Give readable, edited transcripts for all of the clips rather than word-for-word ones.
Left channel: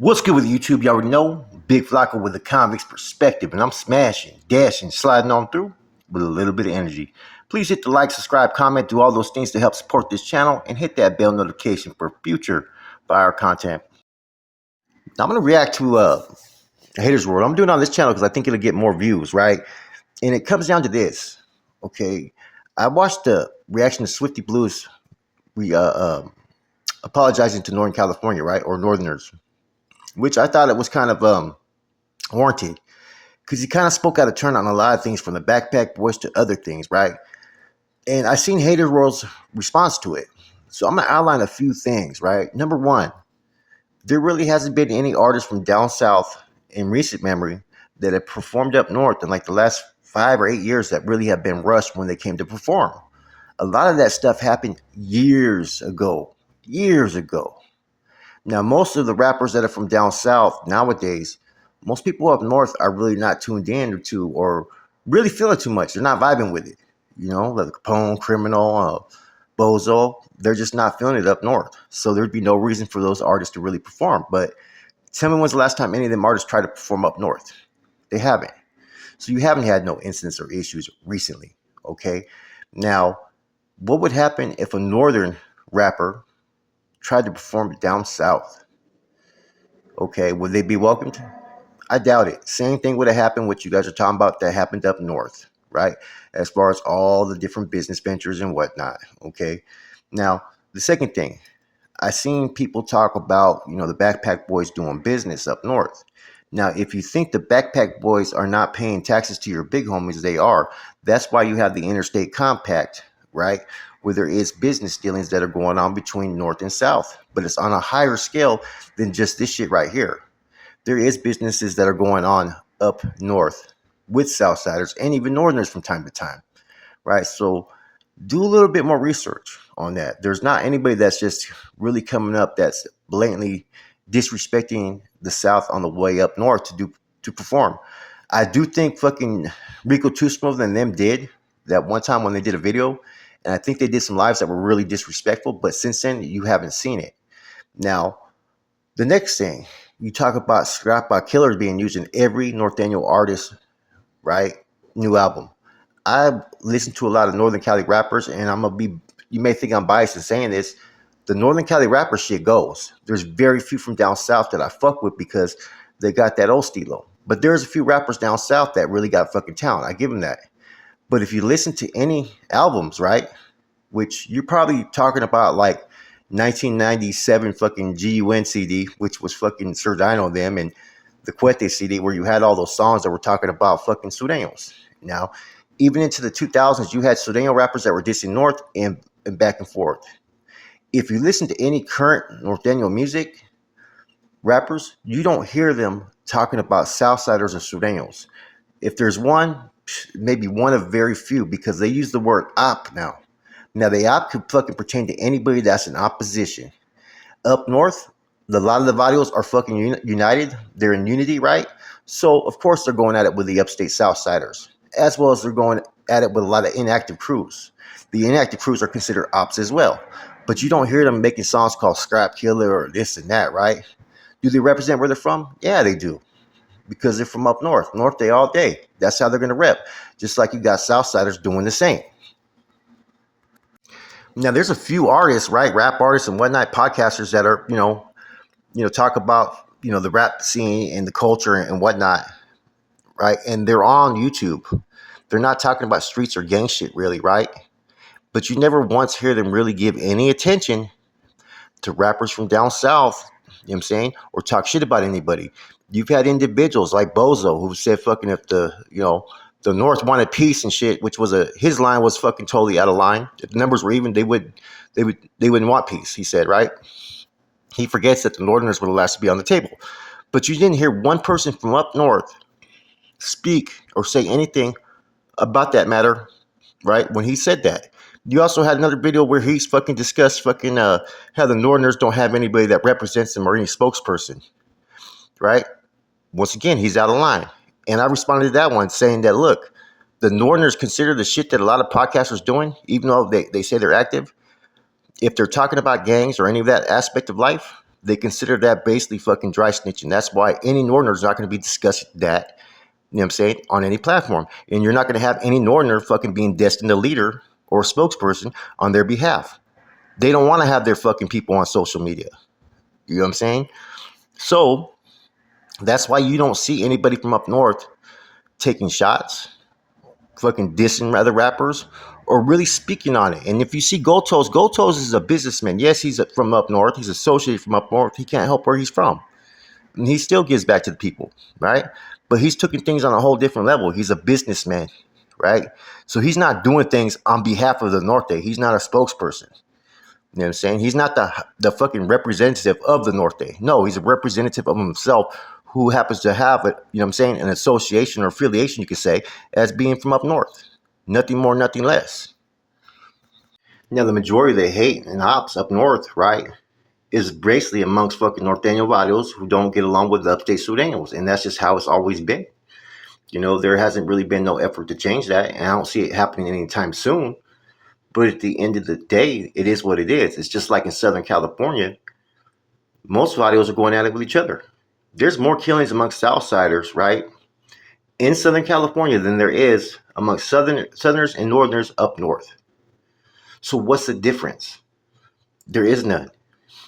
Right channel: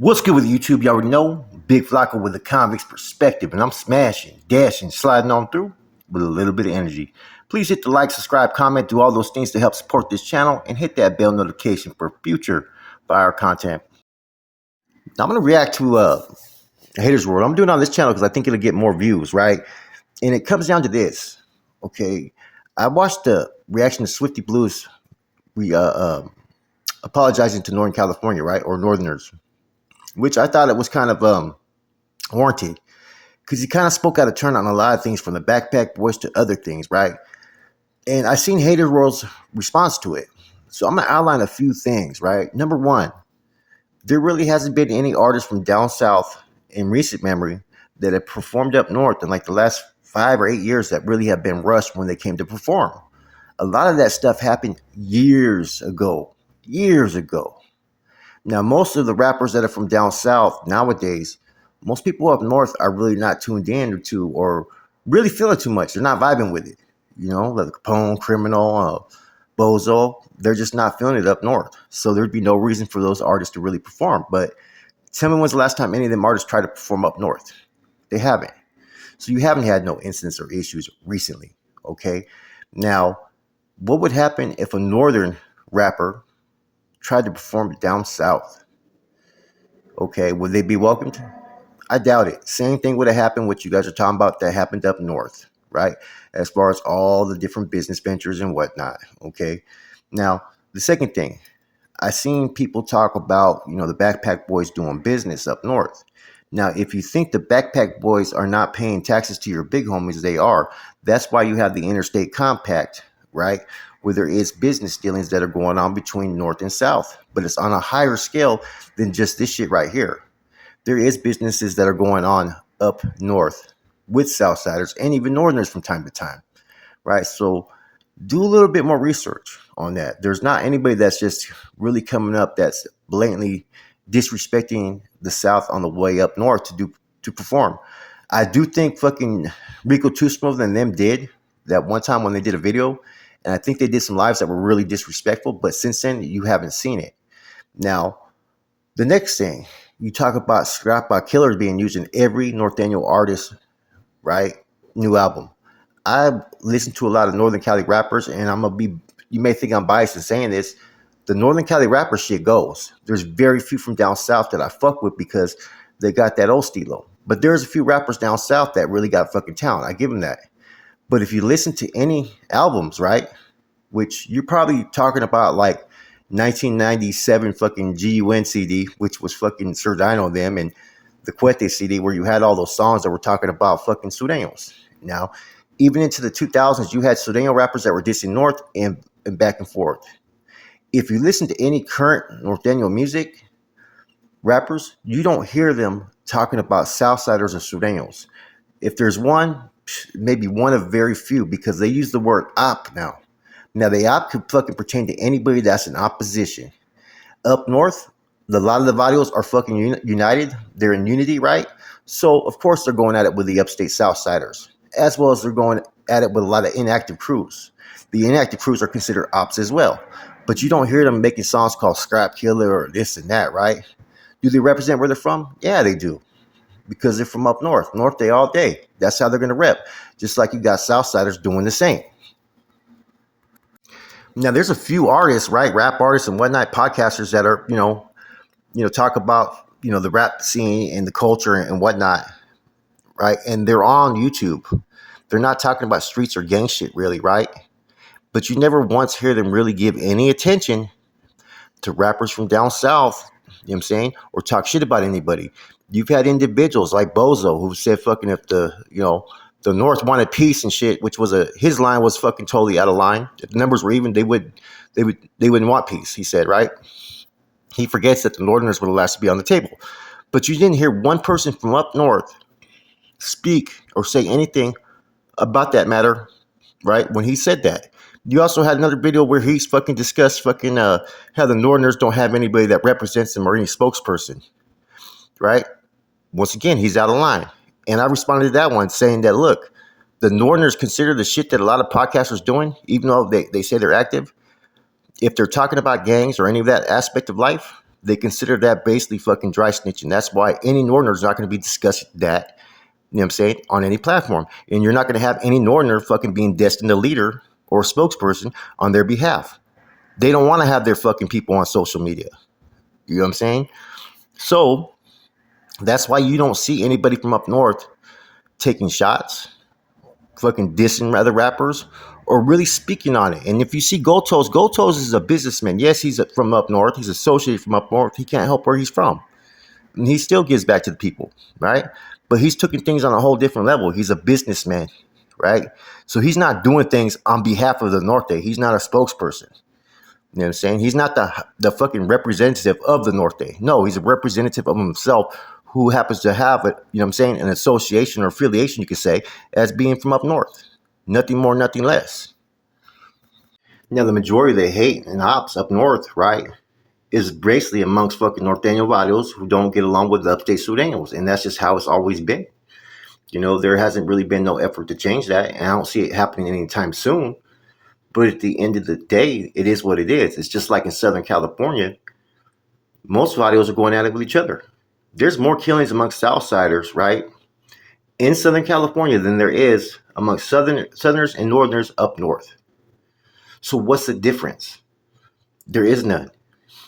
What's good with YouTube? You already know. Big Flocka with a convict's perspective, and I'm smashing, dashing, sliding on through with a little bit of energy. Please hit the like, subscribe, comment, do all those things to help support this channel, and hit that bell notification for future fire content. Now, I'm going to react to Haters World. I'm doing it on this channel because I think it'll get more views, right? And it comes down to this, okay? I watched the reaction to Swifty Blues apologizing to Northern California, right? Or Northerners, which I thought it was kind of warranted because he kind of spoke out of turn on a lot of things, from the Backpack Boys to other things, right? And I seen Haters World's response to it. So I'm going to outline a few things, right? Number one, there really hasn't been any artists from down south in recent memory that have performed up north in like the last 5 or 8 years that really have been rushed when they came to perform. A lot of that stuff happened years ago. Now, most of the rappers that are from down south nowadays, most people up north are really not tuned in to or really feeling too much. They're not vibing with it. You know, like Capone, Criminal, Bozo, they're just not feeling it up north. So there'd be no reason for those artists to really perform. But tell me when's the last time any of them artists tried to perform up north? They haven't. So you haven't had no incidents or issues recently, okay? Now, what would happen if a northern rapper tried to perform down south? Okay, would they be welcomed? I doubt it. Same thing would have happened what you guys are talking about that happened up north, right? As far as all the different business ventures and whatnot, okay? Now, the second thing, I seen people talk about, the Backpack Boys doing business up north. Now, if you think the Backpack Boys are not paying taxes to your big homies, they are. That's why you have the interstate compact, right? Where there is business dealings that are going on between north and south, but it's on a higher scale than just this shit right here. There is businesses that are going on up north with Southsiders and even Northerners from time to time, right? So do a little bit more research on that. There's not anybody that's just really coming up that's blatantly disrespecting the South on the way up north to perform. I do think fucking Rico Too Smooth and them did that one time when they did a video, and I think they did some lives that were really disrespectful, but since then, you haven't seen it. Now, the next thing, you talk about Scrap by Killers being used in every Northaniel artist, right? New album. I listen to a lot of Northern Cali rappers, and you may think I'm biased in saying this, the Northern Cali rapper shit goes. There's very few from down south that I fuck with because they got that old stilo. But there's a few rappers down south that really got fucking talent. I give them that. But if you listen to any albums, right, which you're probably talking about like 1997 fucking GUN CD, which was fucking Sir Dino them, and the Cuete CD, where you had all those songs that were talking about fucking Sureños. Now, even into the 2000s, you had Sureño rappers that were dissing north and back and forth. If you listen to any current Norteño music rappers, you don't hear them talking about Southsiders or Sureños. If there's one, maybe one of very few, because they use the word op now. Now, the op could fucking pertain to anybody that's in opposition. Up north, a lot of the Vadios are fucking united. They're in unity, right? So, of course, they're going at it with the upstate Southsiders, as well as they're going at it with a lot of inactive crews. The inactive crews are considered ops as well. But you don't hear them making songs called Scrap Killer or this and that, right? Do they represent where they're from? Yeah, they do. Because they're from up north. North day all day. That's how they're going to rep. Just like you got Southsiders doing the same. Now, there's a few artists, right? Rap artists and whatnot, podcasters that are, talk about, the rap scene and the culture and whatnot, right? And they're on YouTube. They're not talking about streets or gang shit, really, right? But you never once hear them really give any attention to rappers from down south, you know what I'm saying? Or talk shit about anybody. You've had individuals like Bozo who said fucking if the North wanted peace and shit, which was his line was fucking totally out of line. If the numbers were even, they wouldn't want peace, he said, right? He forgets that the Northerners were the last to be on the table. But you didn't hear one person from up north speak or say anything about that matter, right? When he said that. You also had another video where he's fucking discussed fucking how the Northerners don't have anybody that represents them or any spokesperson, right? Once again, he's out of line. And I responded to that one saying that, look, the Northerners consider the shit that a lot of podcasters doing, even though they say they're active, if they're talking about gangs or any of that aspect of life, They consider that basically fucking dry snitching. That's why any Northerner is not going to be discussing that, you know what I'm saying, on any platform. And you're not going to have any Northerner fucking being destined a leader or a spokesperson on their behalf. They don't want to have their fucking people on social media. You know what I'm saying? So that's why you don't see anybody from up north taking shots, fucking dissing other rappers, or really speaking on it. And if you see Gotos is a businessman. Yes, he's from up north. He's associated from up north. He can't help where he's from. And he still gives back to the people, right? But he's taking things on a whole different level. He's a businessman, right? So he's not doing things on behalf of the Norte. He's not a spokesperson. You know what I'm saying? He's not the fucking representative of the Norte. No, he's a representative of himself who happens to have, you know what I'm saying, an association or affiliation, you could say, as being from up north. Nothing more, nothing less. Now, the majority of the hate and ops up north, right, is basically amongst fucking Norteño Varios who don't get along with the upstate Sureños. And that's just how it's always been. You know, there hasn't really been no effort to change that. And I don't see it happening anytime soon. But at the end of the day, it is what it is. It's just like in Southern California. Most Varios are going at it with each other. There's more killings amongst Southsiders, right, in Southern California than there is amongst Southerners and Northerners up north. So what's the difference? There is none.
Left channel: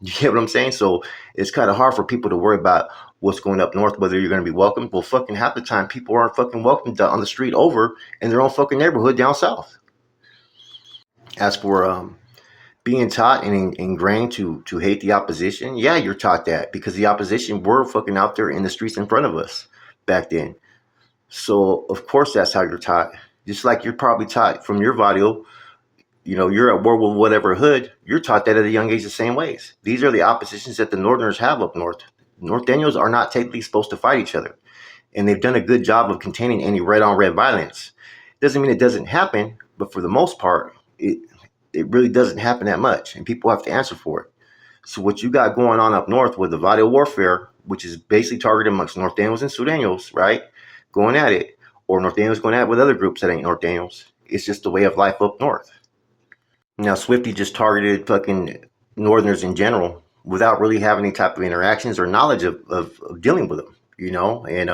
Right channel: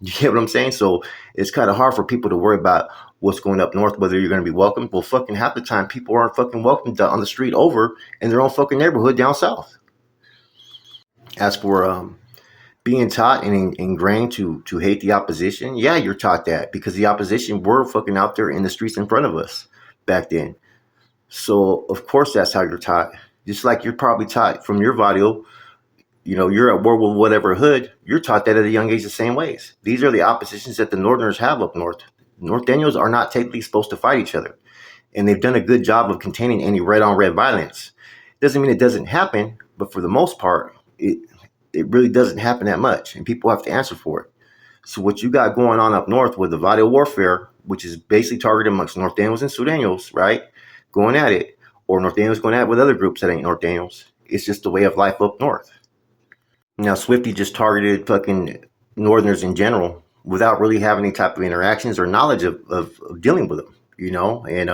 You get what I'm saying? So it's kind of hard for people to worry about what's going up north, whether you're going to be welcomed. Well, fucking half the time, people aren't fucking welcomed on the street over in their own fucking neighborhood down south. As for being taught and ingrained to hate the opposition, yeah, you're taught that because the opposition were fucking out there in the streets in front of us back then. So, of course, that's how you're taught. Just like you're probably taught from your video, you know, you're at war with whatever hood, you're taught that at a young age the same ways. These are the oppositions that the Northerners have up north. Norteños are not technically supposed to fight each other. And they've done a good job of containing any red-on-red violence. Doesn't mean it doesn't happen, but for the most part, it really doesn't happen that much, and people have to answer for it. So what you got going on up north with the video warfare, which is basically targeted amongst Norteños and Sureños, right, going at it, or Norteños going at it with other groups that ain't Norteños, it's just the way of life up north. Now, Swifty just targeted fucking Northerners in general without really having any type of interactions or knowledge of dealing with them, you know, and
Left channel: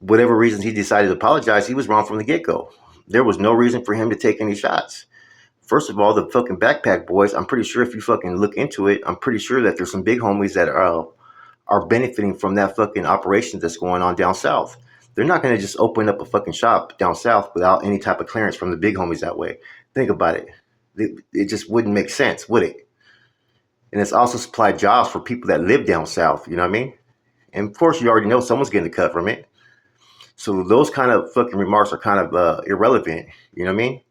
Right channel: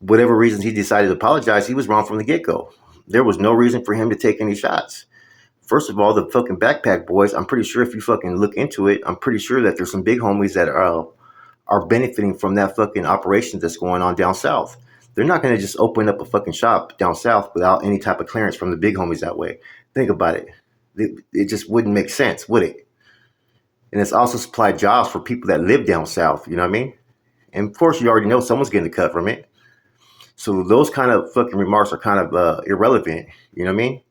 whatever reasons he decided to apologize, he was wrong from the get-go. There was no reason for him to take any shots. First of all, the fucking backpack boys, I'm pretty sure if you fucking look into it, I'm pretty sure that there's some big homies that are benefiting from that fucking operation that's going on down south. They're not going to just open up a fucking shop down south without any type of clearance from the big homies that way. Think about it. It just wouldn't make sense, would it? And it's also supplied jobs for people that live down south, you know what I mean? And of course, you already know someone's getting a cut from it. So those kind of fucking remarks are kind of irrelevant, you know what I mean?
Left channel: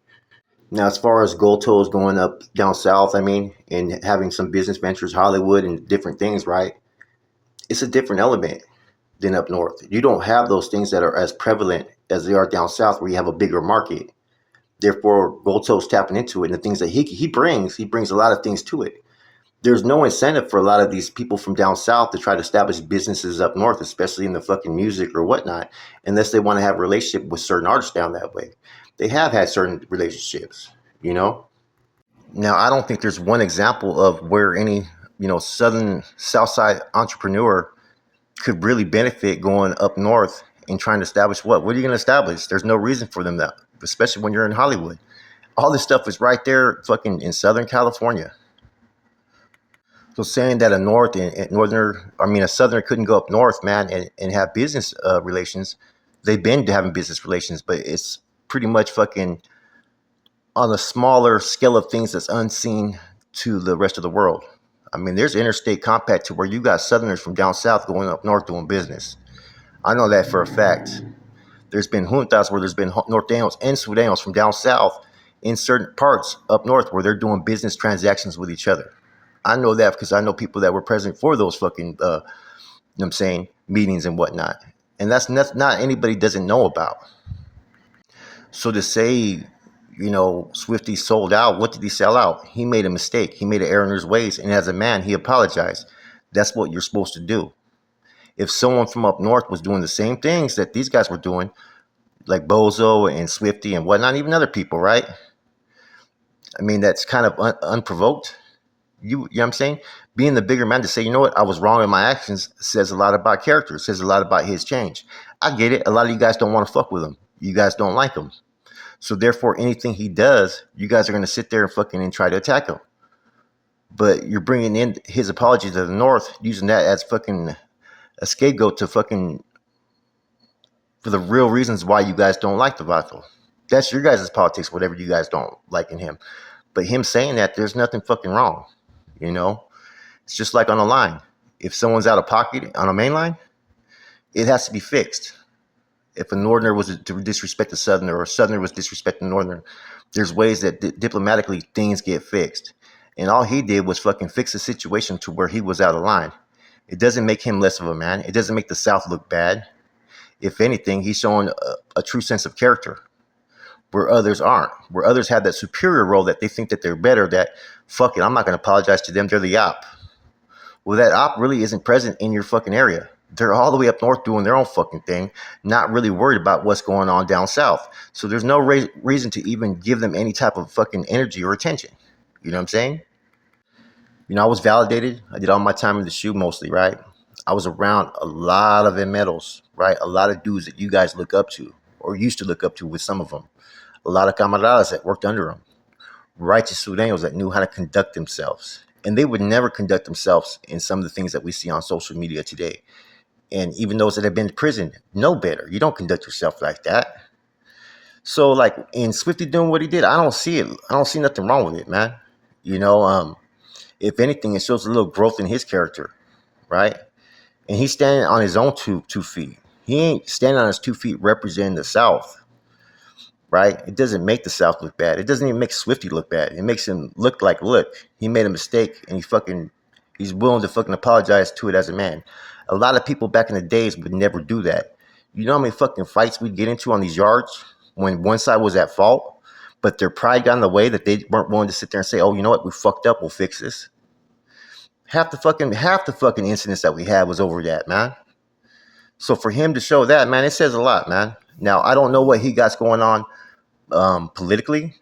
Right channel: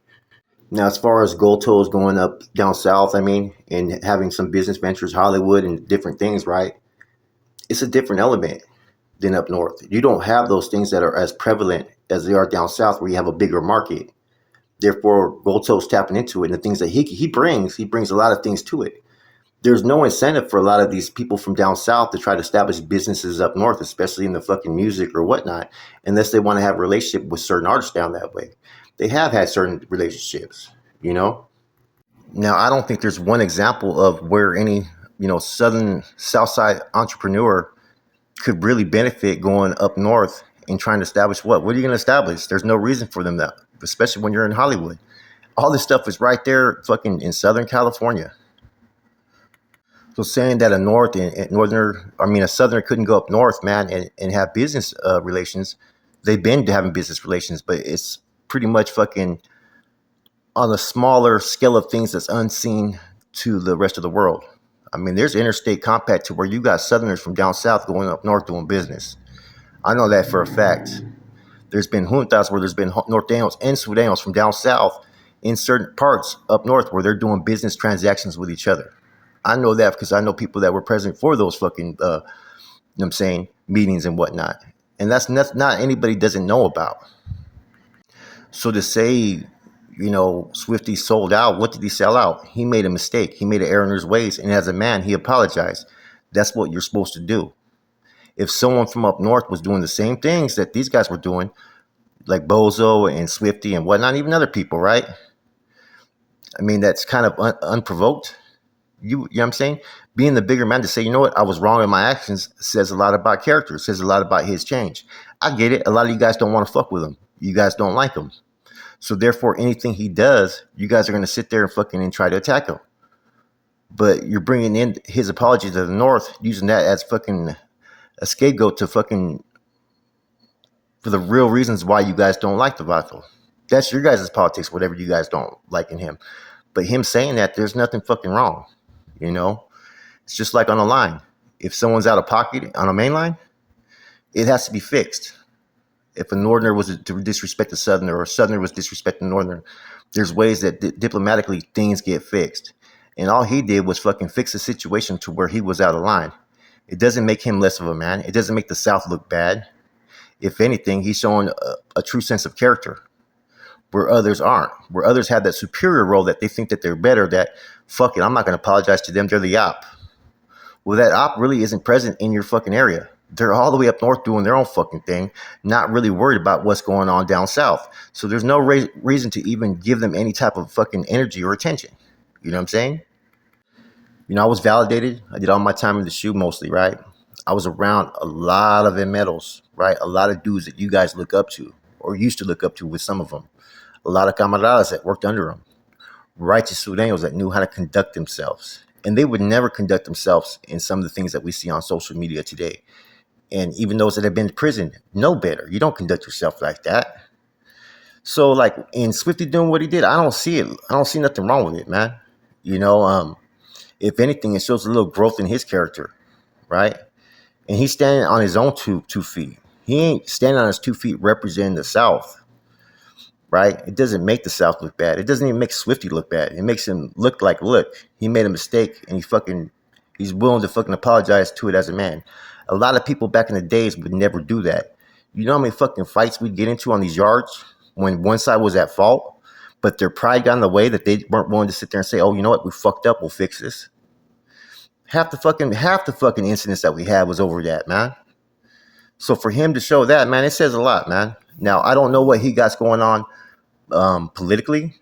Now, as far as gold toes going up down south, I mean, and having some business ventures, Hollywood and different things, right? It's a different element than up north. You don't have those things that are as prevalent as they are down south where you have a bigger market. Therefore, gold toes tapping into it and the things that he brings a lot of things to it. There's no incentive for a lot of these people from down south to try to establish businesses up north, especially in the fucking music or whatnot, unless they want to have a relationship with certain artists down that way. They have had certain relationships, you know. Now, I don't think there's one example of where any, you know, south side entrepreneur could really benefit going up north and trying to establish what? What are you going to establish? There's no reason for them that, especially when you're in Hollywood. All this stuff is right there fucking in Southern California. So saying that a Southerner couldn't go up north, man, and have business relations, they've been having business relations, but it's pretty much fucking on a smaller scale of things that's unseen to the rest of the world. I mean, there's interstate compact to where you got Southerners from down south going up north doing business. I know that for a fact. There's been juntas where there's been Norteños and Sureños from down south in certain parts up north where they're doing business transactions with each other. I know that because I know people that were present for those fucking, you know what I'm saying, meetings and whatnot. And that's not anybody doesn't know about. So to say, you know, Swifty sold out, what did he sell out? He made a mistake. He made an error in his ways. And as a man, he apologized. That's what you're supposed to do. If someone from up north was doing the same things that these guys were doing, like Bozo and Swifty and whatnot, even other people, right? I mean, that's kind of unprovoked. You know what I'm saying? Being the bigger man to say, you know what, I was wrong in my actions says a lot about character, says a lot about his change. I get it. A lot of you guys don't want to fuck with him. You guys don't like him. So therefore, anything he does, you guys are going to sit there and fucking and try to attack him. But you're bringing in his apology to the North, using that as fucking a scapegoat to fucking for the real reasons why you guys don't like the Vato. That's your guys' politics, whatever you guys don't like in him. But him saying that, there's nothing fucking wrong. You know? It's just like on a line. If someone's out of pocket on a main line, it has to be fixed. If a Northerner was to disrespect a Southerner or a Southerner was disrespecting a Northerner, there's ways that diplomatically things get fixed. And all he did was fucking fix the situation to where he was out of line. It doesn't make him less of a man. It doesn't make the South look bad. If anything, he's showing a true sense of character where others aren't, where others have that superior role that they think that they're better, that, fuck it, I'm not going to apologize to them. They're the op. Well, that op really isn't present in your fucking area. They're all the way up north doing their own fucking thing, not really worried about what's going on down south. So there's no reason to even give them any type of fucking energy or attention. You know what I'm saying? You know, I was validated. I did all my time in the shoe mostly, right? I was around a lot of medals, right? A lot of dudes that you guys look up to or used to look up to with some of them. A lot of camaradas that worked under them. Righteous Sureños that knew how to conduct themselves. And they would never conduct themselves in some of the things that we see on social media today. And even those that have been to prison know better. You don't conduct yourself like that. So, like, in Swifty doing what he did, I don't see it. I don't see nothing wrong with it, man. You know, if anything, it shows a little growth in his character, right? And he's standing on his own two feet. He ain't standing on his 2 feet representing the South, right? It doesn't make the South look bad. It doesn't even make Swifty look bad. It makes him look like, look, he made a mistake and he's willing to fucking apologize to it as a man. A lot of people back in the days would never do that. You know how many fucking fights we'd get into on these yards when one side was at fault, but their pride got in the way that they weren't willing to sit there and say, oh, you know what, we fucked up, we'll fix this. Half the fucking incidents that we had was over that, man. So for him to show that, man, it says a lot, man. Now, I don't know what he got going on politically.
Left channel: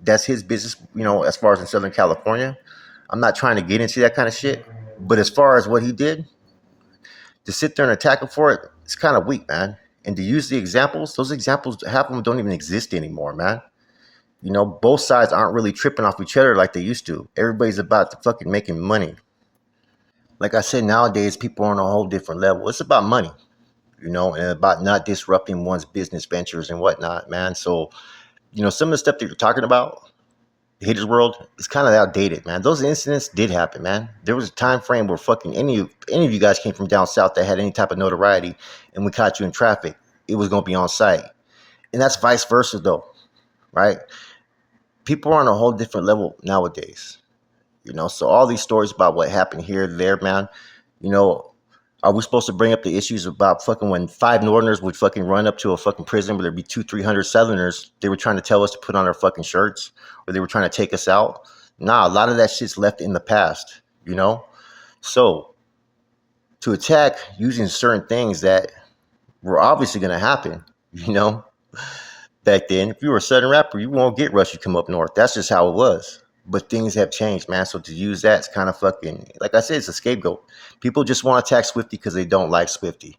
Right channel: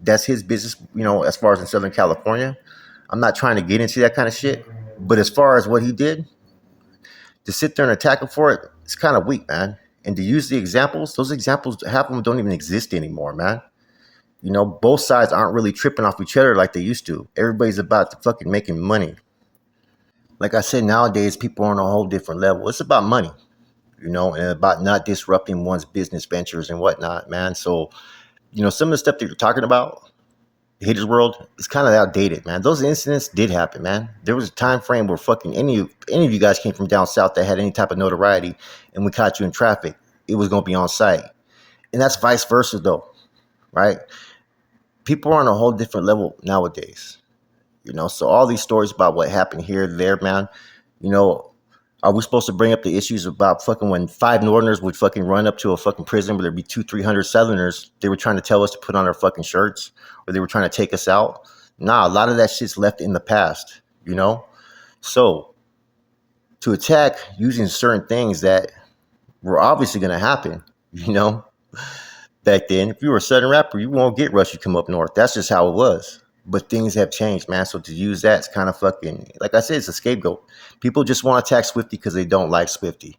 That's his business, you know, as far as in Southern California. I'm not trying to get into that kind of shit. But as far as what he did, to sit there and attack him for it, it's kind of weak, man. And to use the examples, those examples, half of them don't even exist anymore, man. You know, both sides aren't really tripping off each other like they used to. Everybody's about to fucking making money. Like I said, nowadays, people are on a whole different level. It's about money, you know, and about not disrupting one's business ventures and whatnot, man. So, you know, some of the stuff that you're talking about, Haters World, is kind of outdated, man. Those incidents did happen, man. There was a time frame where fucking any of you guys came from down south that had any type of notoriety and we caught you in traffic, it was going to be on site. And that's vice versa, though, right? People are on a whole different level nowadays. You know, so all these stories about what happened here, there, man, you know, are we supposed to bring up the issues about fucking when 5 Northerners would fucking run up to a fucking prison where there'd be 200-300 Southerners, they were trying to tell us to put on our fucking shirts, or they were trying to take us out? Nah, a lot of that shit's left in the past, you know? So, to attack using certain things that were obviously going to happen, you know? Back then, if you were a Southern rapper, you won't get rushed, you come up north. That's just how it was. But things have changed, man. So to use that, it's kind of fucking, like I said, it's a scapegoat. People just want to attack Swifty because they don't like Swifty.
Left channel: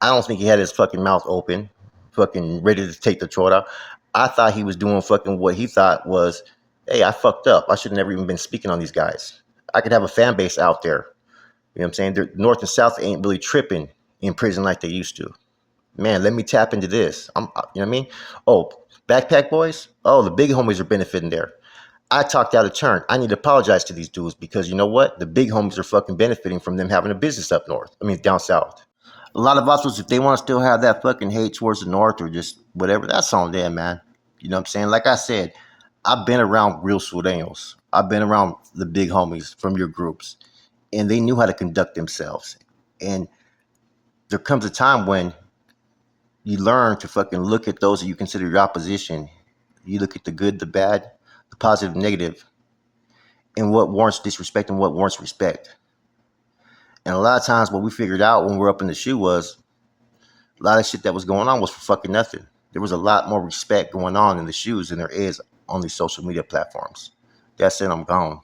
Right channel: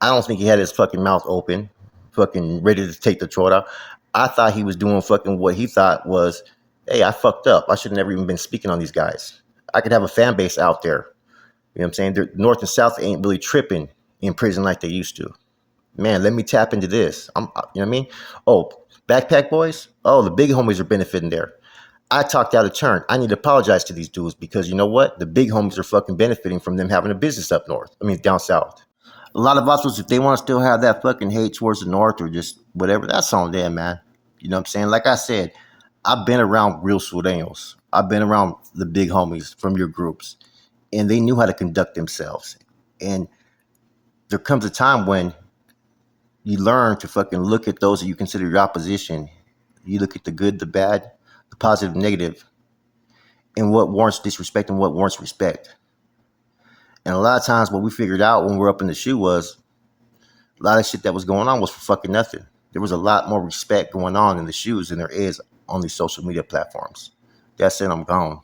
I don't think he had his fucking mouth open, fucking ready to take the throat out. I thought he was doing fucking what he thought was, hey, I fucked up. I should have never even been speaking on these guys. I could have a fan base out there. You know what I'm saying? The North and South ain't really tripping in prison like they used to. Man, let me tap into this. You know what I mean? Oh, Backpack Boys? Oh, the big homies are benefiting there. I talked out of turn. I need to apologize to these dudes because you know what? The big homies are fucking benefiting from them having a business up north. I mean, down south. A lot of us, if they want to still have that fucking hate towards the north or just whatever, that's on them, man. You know what I'm saying? Like I said, I've been around real sureños. I've been around the big homies from your groups, and they knew how to conduct themselves. And there comes a time when you learn to fucking look at those that you consider your opposition. You look at the good, the bad, the positive, negative, and what warrants disrespect and what warrants respect. And a lot of times what we figured out when we're up in the shoe was a lot of shit that was going on was for fucking nothing. There was a lot more respect going on in the shoes than there is on these social media platforms. That's it, I'm gone.